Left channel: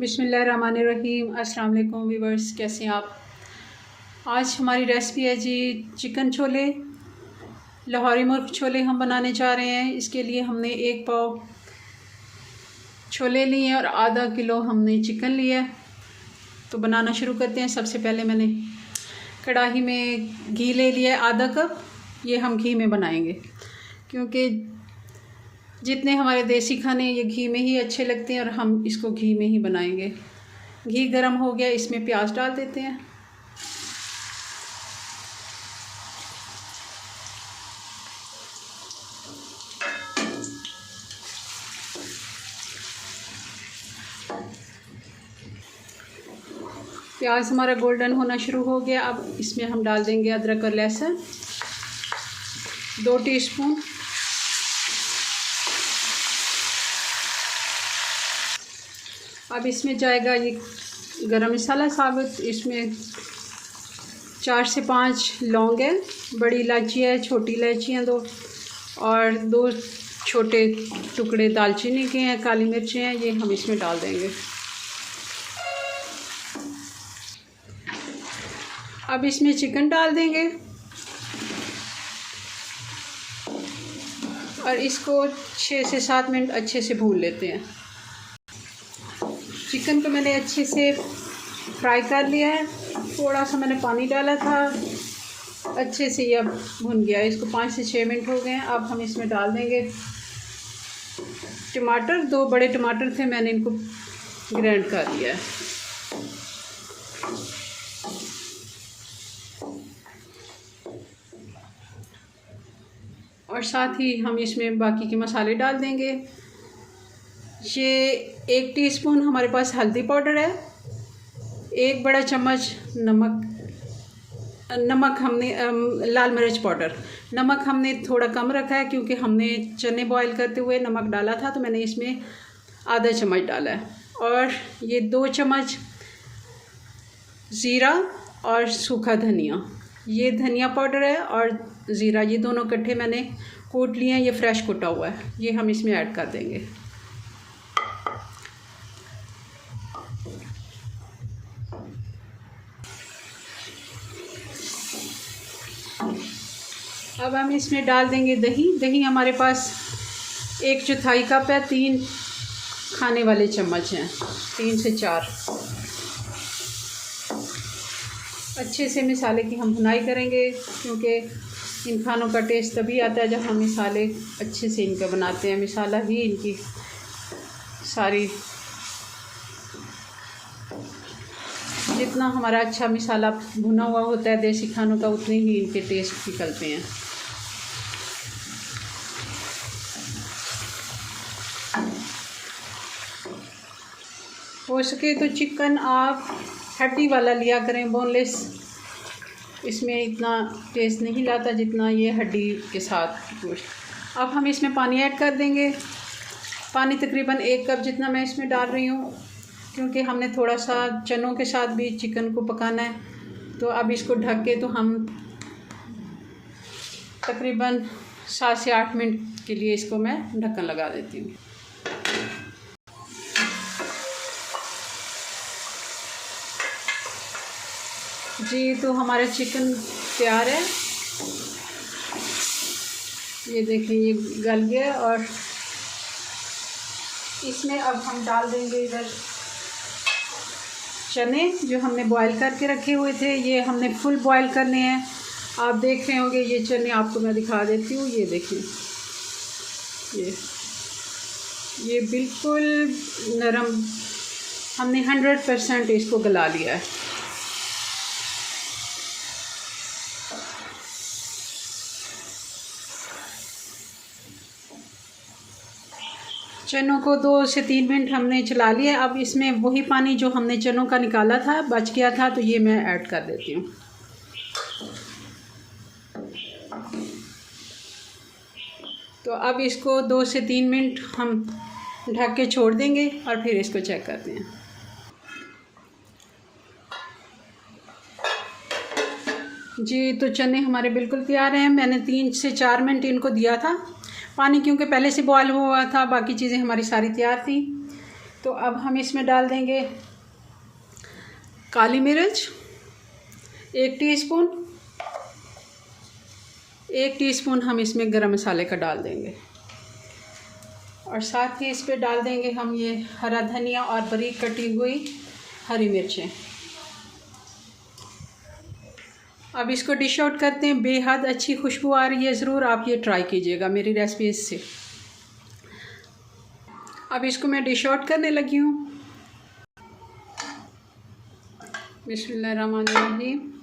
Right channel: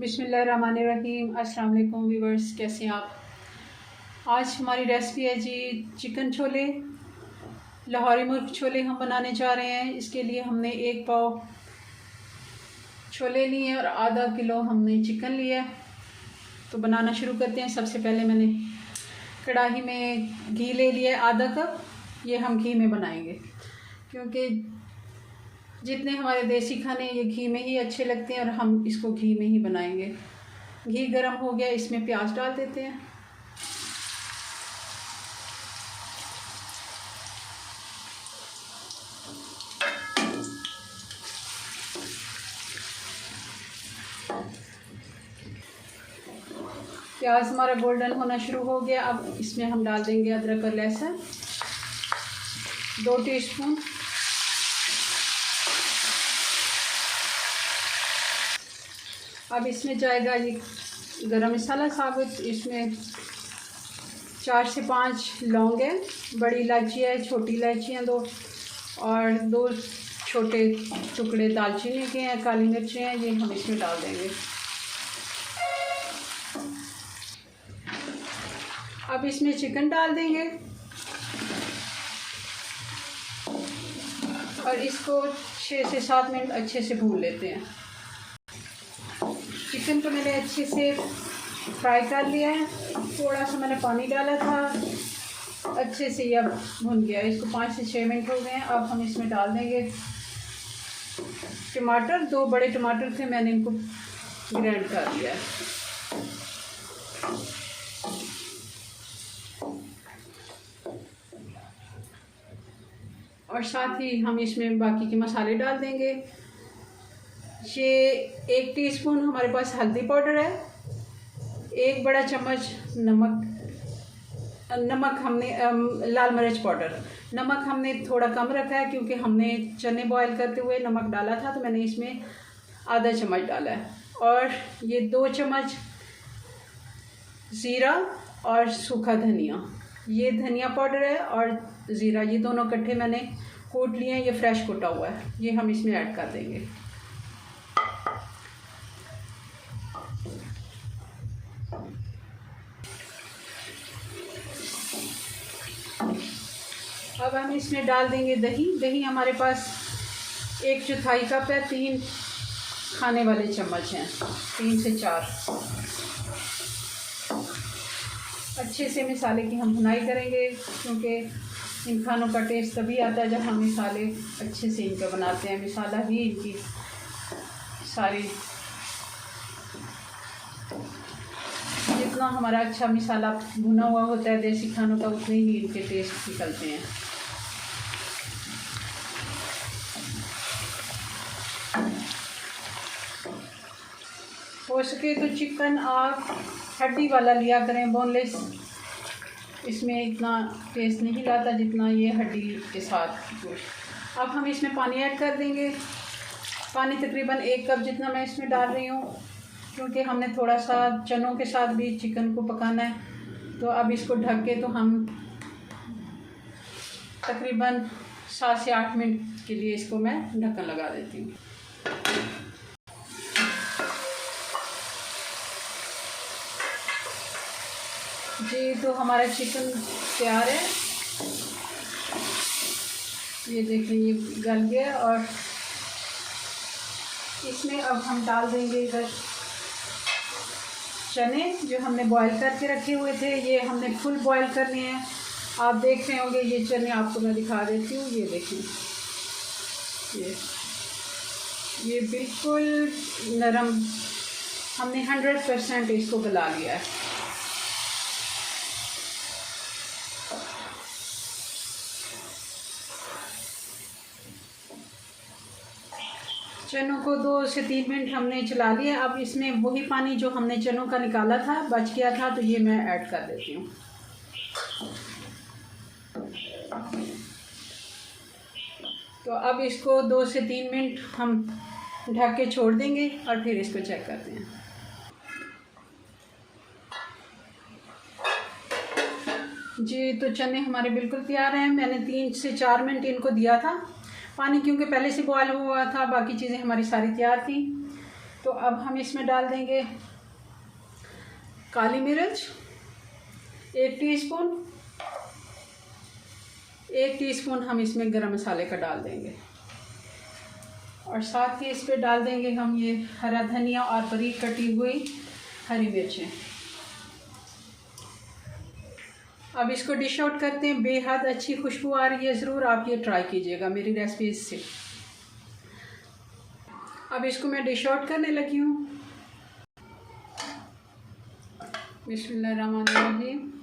बिस्मिल्लाहिर्रहमानिर्रहीम। अस्सलाम वालेकुम व्यूअर्स, कैसे हैं आप। आज हमारी रेसिपी है जी चिकन छोले, लाहौरी मुर्ग छोले हम बनाने जा रहे हैं। इसके लिए हमने 1 पाव छोले लिए हैं और आधा किलो हमने चिकन लिया है। तो बनाना शुरू करते हैं। सबसे पहले मैंने कढ़ाई में घी ले लिया है आधा कप। ये हम घी में बनाएंगे क्योंकि जितने हमारे देसी खाने ये घी में ही अच्छे लगते हैं और हम इसको घी में ही बनाएंगे। घी गरम हो गया, इसमें प्याज डाल देते हैं। प्याज हमारा गोल्डन होना शुरू हो गया। अब इसमें हम डाल देंगे अदरक और लहसुन 2 टीस्पून। अब इसमें जाएगा ये गरम मसाला साबुत। इसमें 4 से 5 लौंग है, बड़ी इलायची है, छोटी इलायची हैं 2 और 2 छोटे टुकड़े दालचीनी के हैं, काली मिर्चें हैं, ये हम इसमें डाल देंगे। अब इसमें चिकन डाल देंगे और इसको 6 से 7 मिनट अच्छे से भून लेते हैं। चिकन को मैंने अच्छे से फ्राई कर लिया है। थोड़ा सा मैंने पानी डाला था, अच्छे से ये अब भुन गया है। इसको 5 से 6 मिनट हो गए हैं। अब हम इसमें डाल देंगे टमाटर। 2 बड़े टमाटर थे, मैंने इनको ग्राइंड कर लिया है। और साथ ही हम इसमें बाकी के मसाले डाल देंगे। ये 1 टीस्पून हमारे पास हल्दी पाउडर है, 1 बड़ा चम्मच नमक हमने लाल मिर्च पाउडर। नमक हमने थोड़ा कम रखा है क्योंकि हमने चने बॉईल करते हुए नमक डाला था, तो मैंने इसमें आधा चम्मच डाला है। और ये 2 चम्मच ज़ीरा और सूखा धनिया, ये धनिया पाउडर है और ज़ीरा, ये दोनों इकट्ठे मैंने कूट लिए हैं। ये फ्रेश कुटा हुआ है, ये हम इसमें ऐड कर देंगे। अब हम इसमें डाल देंगे दही। दही हमारे पास 1/4 कप है, 3 खाने वाले चम्मच हैं, 3 से 4। अच्छे से मसाले की हम भुनाई करेंगे क्योंकि इन खानों का टेस्ट तभी आता है जब हम मसाले अच्छे से इनका बनाते हैं। मसाला ही इनकी सारी, जितना हमारा अच्छा मसाला भुना हुआ होता है देसी खानों का, उतने ही इनके टेस्ट निकलते हैं। हो सके तो चिकन आप हड्डी वाला लिया करें, बोनलेस। इसमें इतना टेस्ट नहीं लाता जितना ये हड्डी के साथ गोश्त। अब हम इसमें पानी ऐड कर देंगे। पानी तकरीबन 1 कप जितना मैं इसमें डाल रही हूँ क्योंकि हमने थोड़ा सा चनों के साथ भी चिकन को पकाना है। तो अब इसको ढक के तो हम तकरीबन 7 से 8 मिनट के लिए इसको मैं ढक्कन लगा देती हूँ। जी, तो हमारा चिकन तैयार है। ये देखिए, ये गल गया और इसमें अब हम डाल देंगे इधर चने जो हमने बॉईल करके रखे हुए थे। ये हमने फुल बॉईल करने हैं। आप देख रहे होंगे ये चने, आपको मैं दिखा देती हूँ। ये देखिए, ये बिल्कुल नरम, हमने 100% इसको गला लिया है। चनों को 2 से 3 मिनट हमने चला लिया। अब इसमें वही पानी जो हमने चनों का निकाला था, बच गया था, तो ये मैं ऐड कर देती हूँ। तो अब इसको 2 से 3 मिनट हम ढक के छोड़ देंगे और फिर इसको चेक करते हैं। जी, तो चने हमारे बिल्कुल तैयार हैं। मैंने 3 से 4 मिनट इनको दिया था पानी, क्योंकि पहले से बॉयल हुआ था, बाकी चीज़ें हमारी सारी तैयार थी। तो अब हम इसमें डाल देंगे काली मिर्च 1 टीस्पून, 1 टीस्पून हम इसमें गरम मसाले का डाल देंगे और साथ ही इस पे डाल देंगे हम ये हरा धनिया और बारीक कटी हुई हरी मिर्चें। अब इसको डिश आउट करते हैं। बेहद अच्छी खुशबू आ रही है, ज़रूर आप ये ट्राई कीजिएगा मेरी रेसिपीज से। अब इसको मैं डिश आउट करने लगी हूँ। बिस्मिल्लाहिर्रहमानिर्रहीम।